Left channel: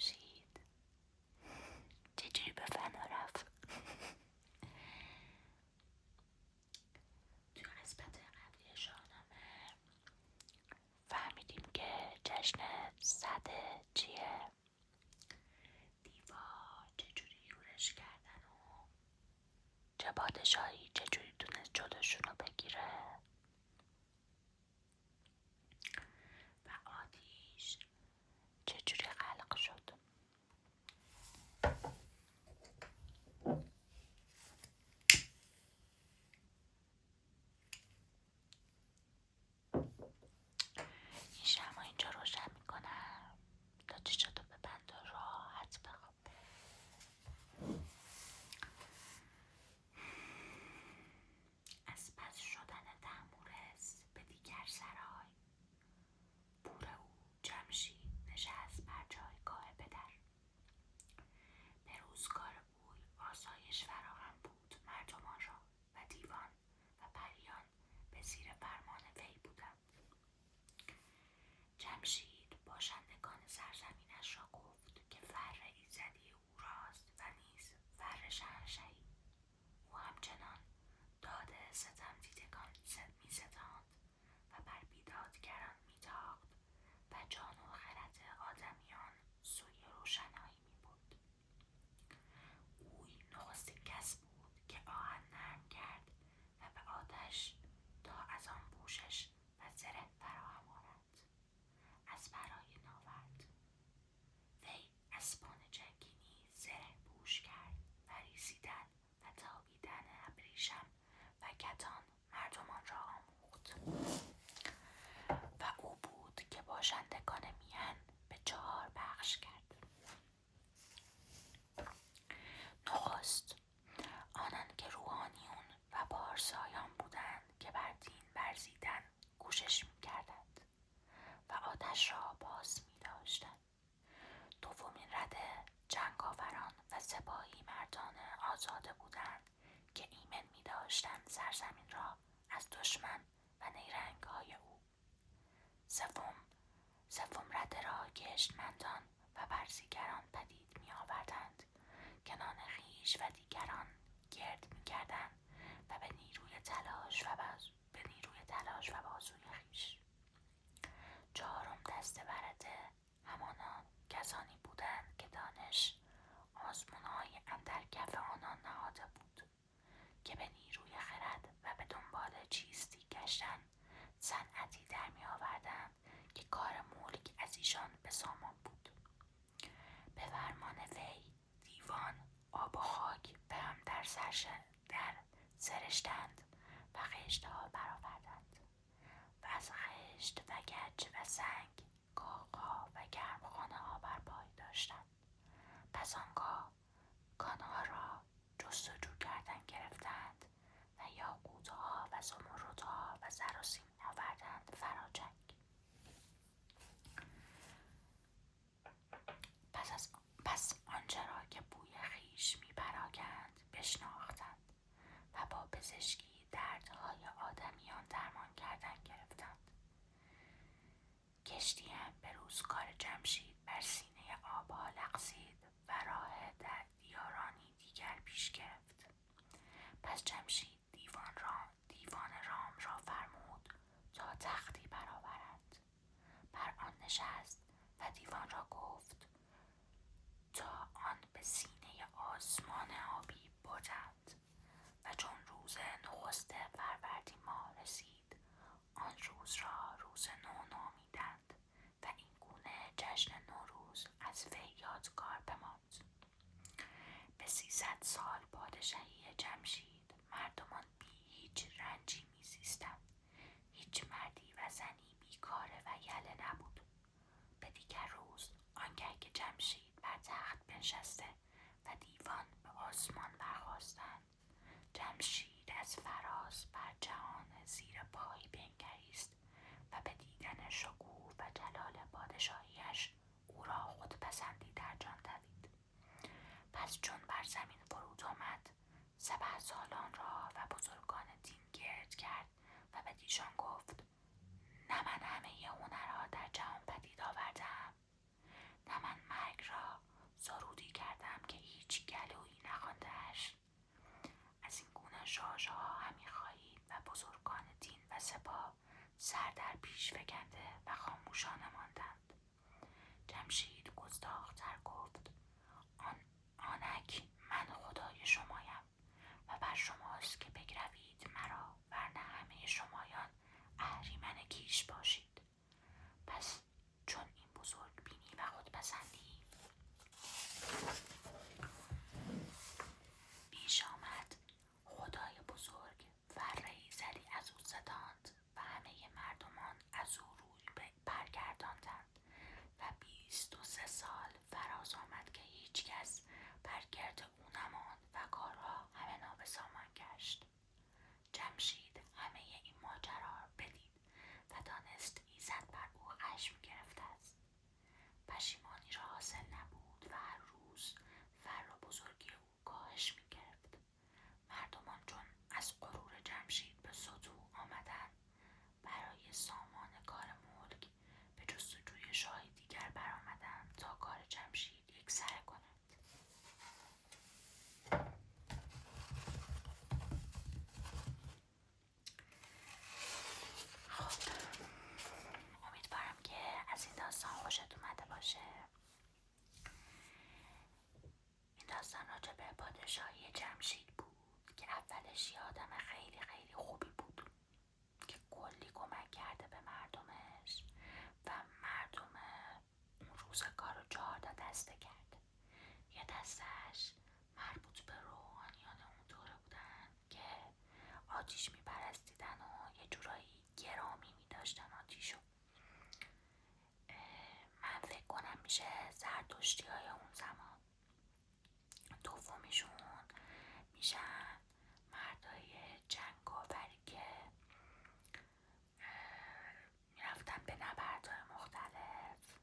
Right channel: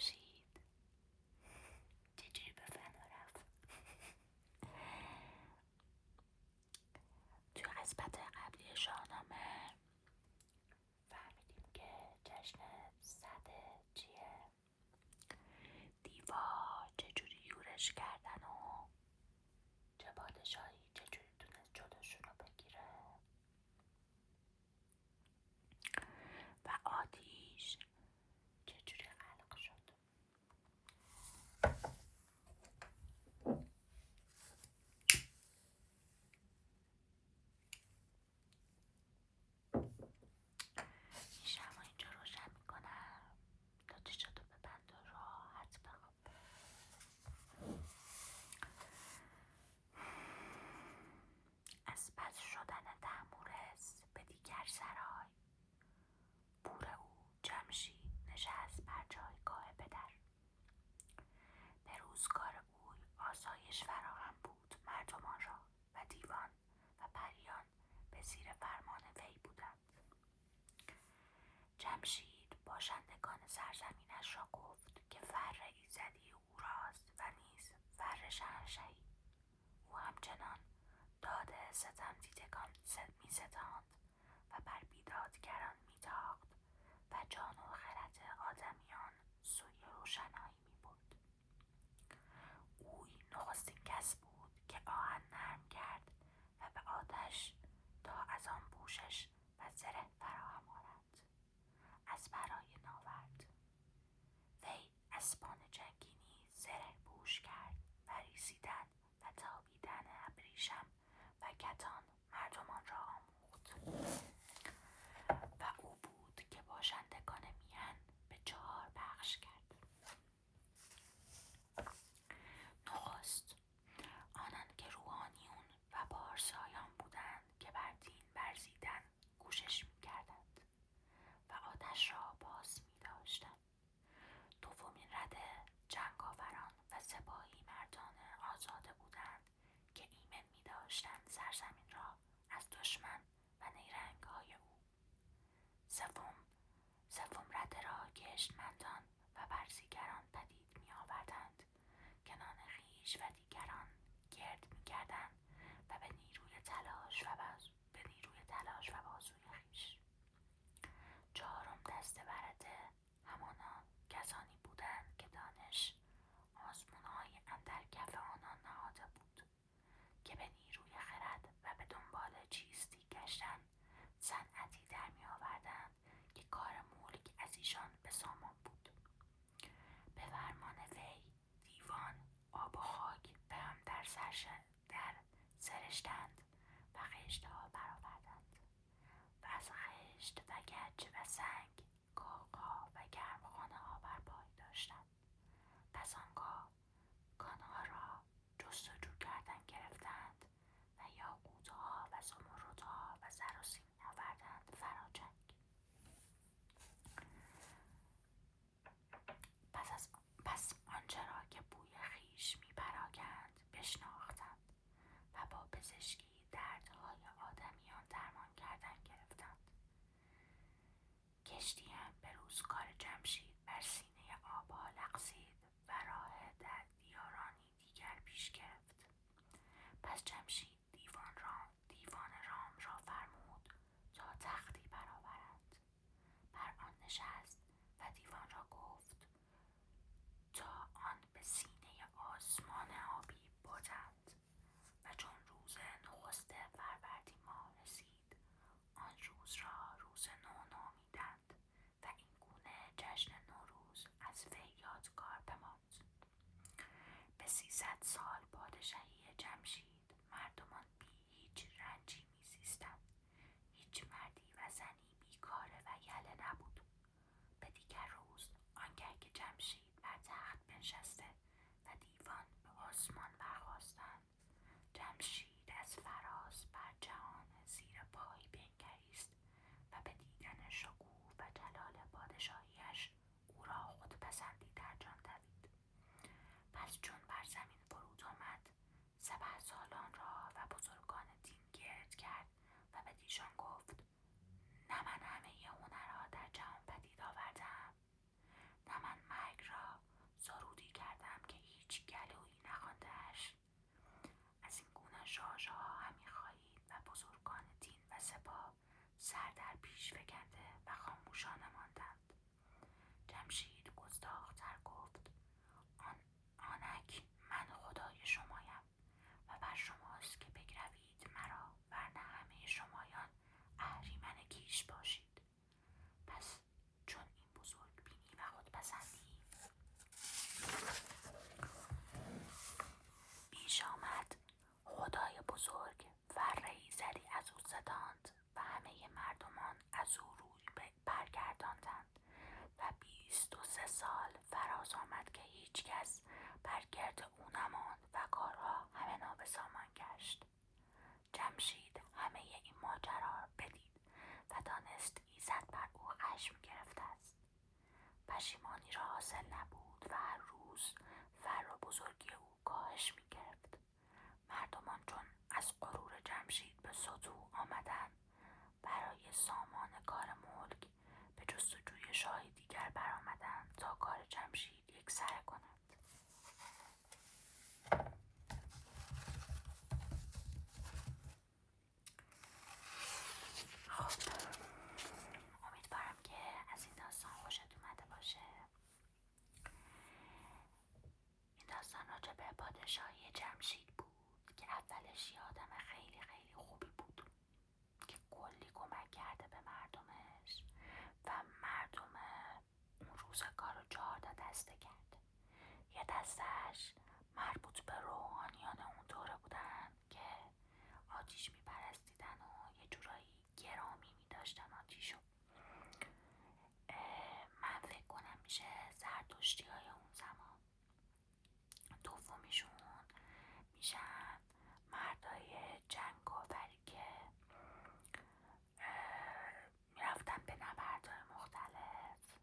جمشید چجوری به فنا رفت؟ توی قسمت قبلی شاهنامه فهمیدیم که جشن سده چیه، دیوا چجوری یورش کردن و چه پادشاهی چجوری تونست جلوشون رو بگیره و آتیش چجوری خلق شد. این شمع اینجا روشن میکنم تا چشاتو ببند و راحت بخواب. از پس شدن تحمورس به دیگر سرای، پور او جمشید نشست بر جایگاه پدر. به روزگار اوی آسایش فراهم بود مردمان را و دیوان و پریان به زیر فرمان وی بودند. جمشید باشندگان سرزمینش را گفت که فر ایزدی او راست و نیز فر شهنشهی. او همچنان داد ستم دیدگان می ستاند و بر بیدادگران می تاخت و جان و خرد آدمیان سوی روشنایی می برد. اوی نخستین کس بود که آهن نرم کرد و به آتش تا از آن پوشش و زره فراهم آرد. از برای ناورد وی اسبان جنگینی زره پوش کرد و ریسیدن و تابیدن ابریشم و کتان مردمان را آموخت. و او بود که باشندگان میهن به 4 بخش کرد. نخست آنان که روحانیون و پارسایان بودند که بر دین ورزیدن کوشش میکردند و آتش را باز می‌داشتند. دومین رده جنگاوران و سپاهی مردان آزاده بودند که ایمن می‌داشتند سرزمین را از دشمن و نیرنگ‌های او. سوم رده را گشتمندان و برزیگران پدید می‌آوردند که نان خویش و دیگران گرد می‌کردند و به نیروی تلاش و بازوی خویش. چهارم دسته ورده همانان کسانی بودند که دانش آزمون‌های اندر کف آنان نهاده بود که به نیروی خرد و به دنبال چیستی گشتن صنعتی در می‌آوردند که کار ملک از ایشان به سامان بود. به فرمان وی دیوان آب و خاک به هم در سرشتند و خشت‌ها برآوردند و از خشت و گچ و سنگ کاخ‌ها و گرمخانه‌ها بر پای داشتند. پس آنگاه کانها را جستجو کردن گرفتند و یاقوت‌ها و زمردها و زر و سیم آوردند فراجنگ. پس آنچه را که بوی خویش می پراگند بشناختند و با پزشکی دردهای آدمیان درمان کردن گرفتند. کشتی هم به روزگار جمشید بر سینه آبها لغزید و راه در دیارانی دیگر پیش گرفت. پس جمشید دیوان رام را فرمود تا تختی برآورند. بر آن نشست و دیوان را گفت تا آن به سینه آسمان آبی بردند و چون روز نخست فروردین ماه رسید آن روز را روز نو نامیدند و این گونه جشن نوروز از وی یادگار بماند. به 300 سال پادشاهی جمشید مردمان بی هیچ رنجی میزیستند. هیچ مردی و زنی بیکاره و یله نبود. به دیگر روز آنگه که جمشید بر تخت بنشسته و دیوان به آسمان برخاستند، جمشید از فراز بر جهان زیر پای بنگریست و به دیدن شکوه و جلال پادشاهیش او را خودپسندی در جان دوید. پس چون بر زمین فرود آمد سپهسالار را و بزرگان دین گرد کرد و به دیشان گفت نه من همه هنرها در جهان پدید آورده‌ام، نه من مرگ را سپاه سر در پیش فکنده و خاموشانه ماندند. جمشید گستاخ‌تر گفت: آنک من خدای شمایم و بر شماست که بگروید مرا، ورنه همه شمایان اهریمن کیش باشید. پس چون این بزرگ بینی و خودپسندی پیش آمد، خدای بزرگ فره ایزدی از او ستاند و همه مردمان از او روی برگرداندند و 23 سال فراز آمد که هیچ کس بر گرد او نماند و کارها همه نابسامان گشت. جمشید همه این ماجرا بدید و دانست ایزد بر او خشم گرفته است. پشیمانی را حاصل نبود و هر روز فر و بزرگی او کاهش می گرفت. مردمان چون از غرور جمشید به سطوح آمدند، برای سامان کار ملک به جستجوی شاهی دیگر برآمدند تا کار جمشید یکسره کنند. خب، امیدوارم که از این داستان خوشت اومده باشه. این داستان راجع به پادشاهی جمشید بود که اولش یه آدم خیلی خیلی خوبی بود که کلی کمک کرده به مردمش و مردم اون روزگار رو 14 دسته کرده. یه دستش مربوط به روحانیان اون دوره بودن که آتیش میپرستیدن و یه جورایی گرامی میداشتن آتیشو. من فکر کنم میشه زرتشتی های اون زمان. دومیشون میشن مردای جنگاوری که میرفتن به نبردهای مختلف.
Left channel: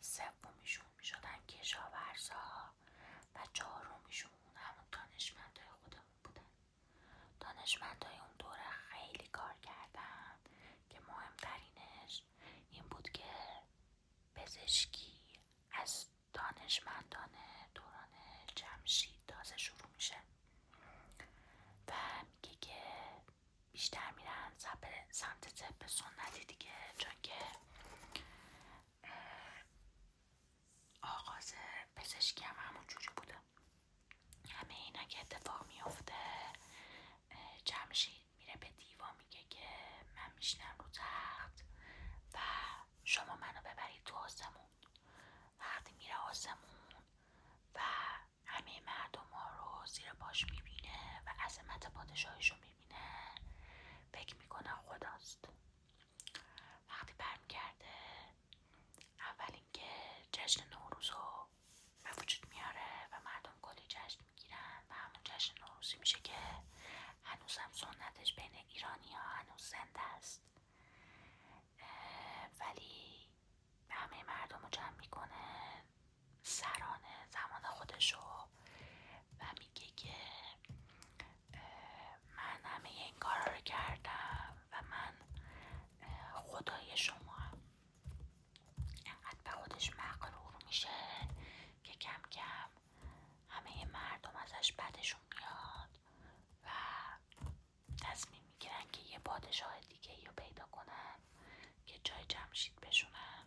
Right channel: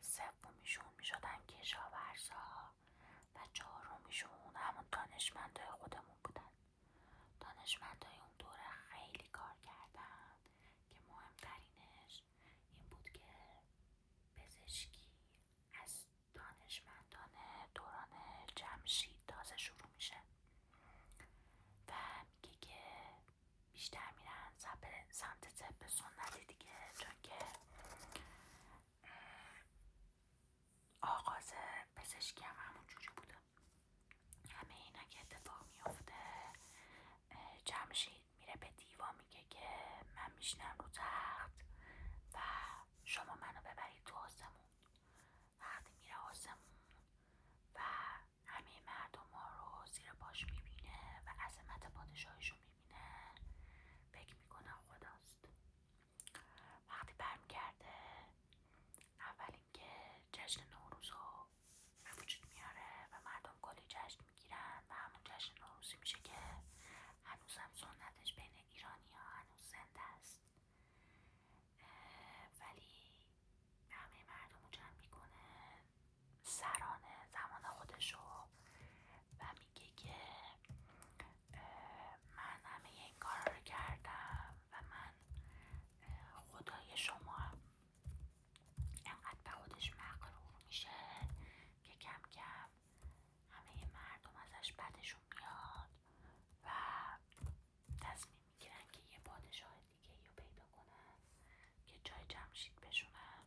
سومیشون میشدن کشاورزا و چهارمیشون همون دانشمندای خودمون بودن. دانشمندای اون دوره خیلی کار کردن که مهمترینش این بود که پزشکی از دانشمندان دوران جمشید تازه شروع میشه و میگه که بیشتر میرن سمت طب سنتی دیگه، چون که آغاز پزشکی هم همون جوری بوده. همه اینا که اتفاق میفته، جمشید میره به دیوا میگه که من میشینم رو تخت و شما منو ببرید تو آسمون. وقتی میره آسمون و همه مردم ها رو زیر پاش میبینه و عظمت پادشاهیش رو میبینه، فکر میکنه خداست. وقتی برمیگرده، اول اینکه جشن نوروز رو به وجود میاره و مردم کلی جشن میگیرن و همون جشن نوروزی میشه که هنوزم سنتش بین ایرانی ها هنوز زنده است. ولی همه مردم رو جمع میکنه سرانه زمان خودشو و میگه که من همه این کارا رو کردم و من خدای شما هم. انقدر به خودش مغرور میشه که کم کم همه مردم ازش بدشون میاد و تصمیم میگیرن که یه پادشاه دیگه رو پیدا کنن که جای جمشید بشونن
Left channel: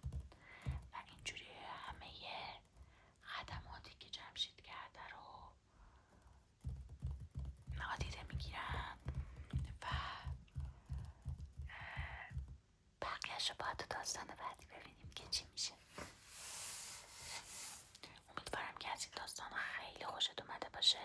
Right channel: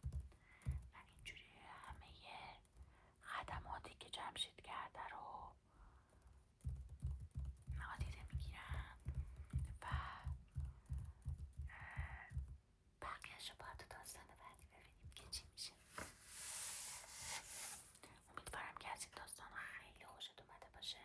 و اینجوری همه خدماتی که جمشید کرده رو نادیده میگیرن و بقیه‌شو باید تو داستان بعدی ببینیم که چی میشه. امیدوارم که از این داستان خیلی خوشت اومده باشه